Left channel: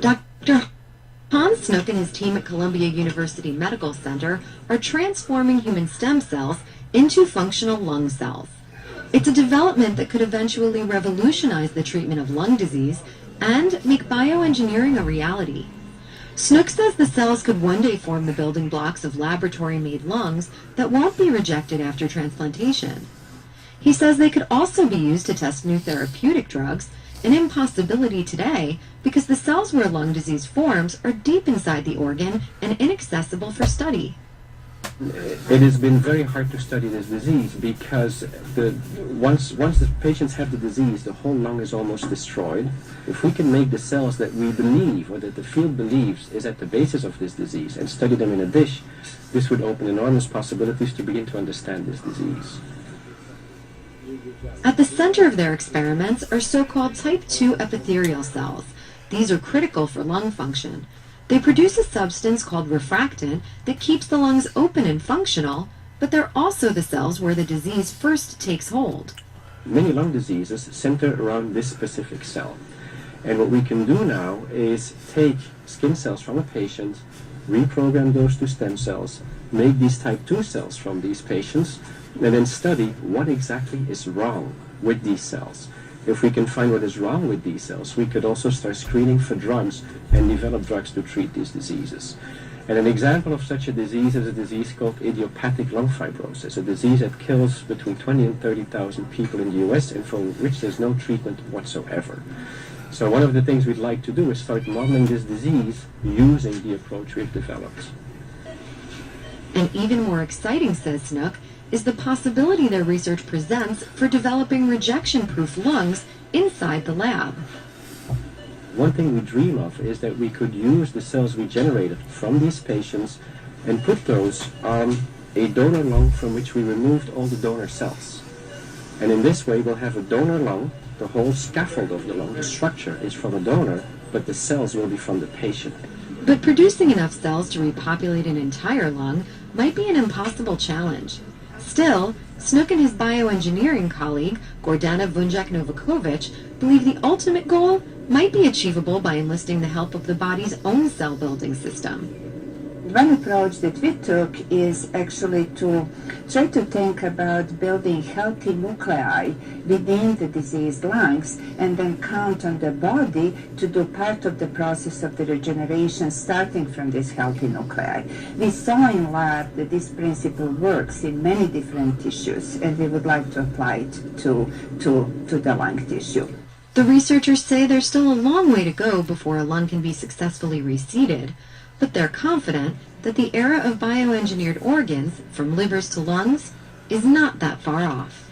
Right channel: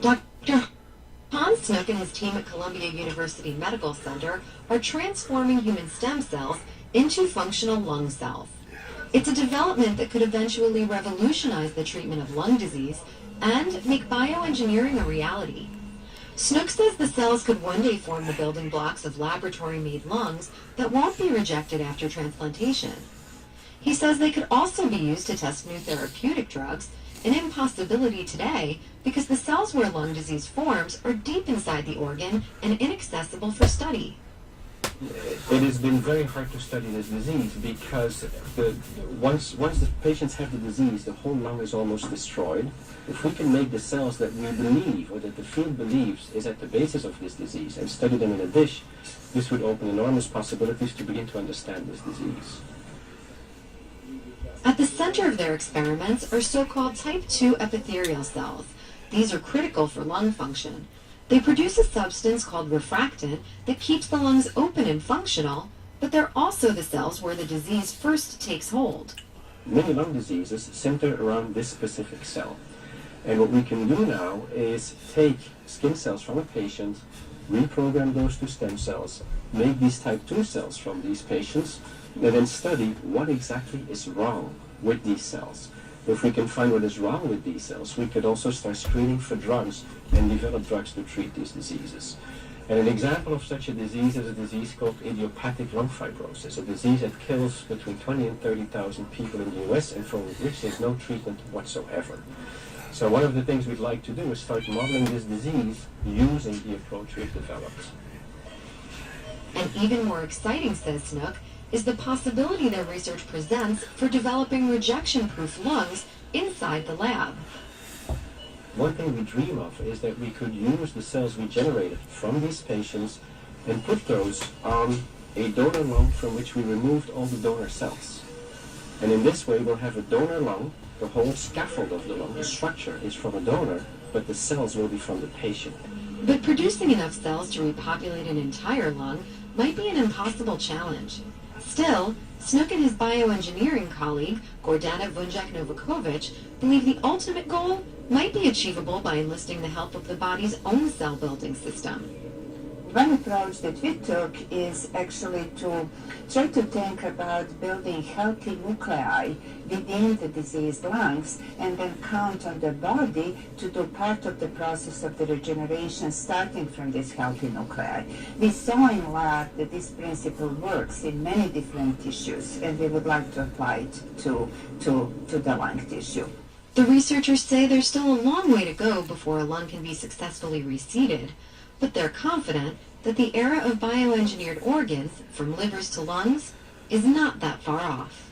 Dr. Hans Snook and his team at Columbia University Medical Center are transforming human stem cells into functional lung cells. It's a development that could eventually revolutionize the treatment of lung disease and make bioengineering a reality. Snook says the cells could one day form the building blocks of laboratory-made lungs that won't be rejected after transplantation. He says they could also be used to test new therapeutic drugs, an impossibility today because the cells where lung disease forms are deep inside the organ and inaccessible for study. It has been very hard to study this disease because once the patients have the disease, the whole lung is almost destroyed. If we can make the cells that we believe, or that the field believes, is at the basis of this disease and study them in a dish, this would open enormous possibilities to begin to understand this disease. At the center of their experiments are so-called type 2 epithelial cells. These are critical for lung function. They produce a substance called refractant that keeps the lungs open and functional, but they're also the cells where the disease first takes hold. Many lung diseases center around this specific cell. And what we can do now is take skin cells from a patient, reprogram those to stem cells, make these type 2 cells from these patients, and then study what exactly is wrong with these cells. If we can find what is wrong with these cells, we could also start screening for drugs and develop drugs to treat these diseases. And an example of such a disease is a disease called idiopathic lung fibrosis, a disease that kills between 20 and 30,000 people in the US and for which there's no treatment whatsoever. So one of the things we'd like to do is start modeling this disease using the approach we've developed. And even more exciting, says Snook, is the possibility their research presents for developing rejection-proof lungs inside the lab. One thing we dream of is that we could use the cells we generated from these patients and put those on a donor lung from which we removed all the donor cells. And in this way we'll have a donor lung. The whole scaffold of the lung, the structure, is from a donor, but the cells will be from the patient. But producing enough cells to repopulate an entire lung might be an impossible challenge. Still, Snook and his bioengineering colleague, Gordana Vunjak-Novakovic, believe the ultimate goal might be achievable by enlisting the help of the body's own cell-building system. One approach that we took is actually to try to think about building healthy nuclei within the diseased lungs and then count on the body to do part of the process of the regeneration starting from these healthy nuclei. We saw in lab that this principle works in many different tissues, and we would like to apply it to the lung tissue. The researchers say there's still a long way to go before a lung can be successfully reseeded, but they're confident that the era of bioengineered organs, from livers to lungs, is not that far off.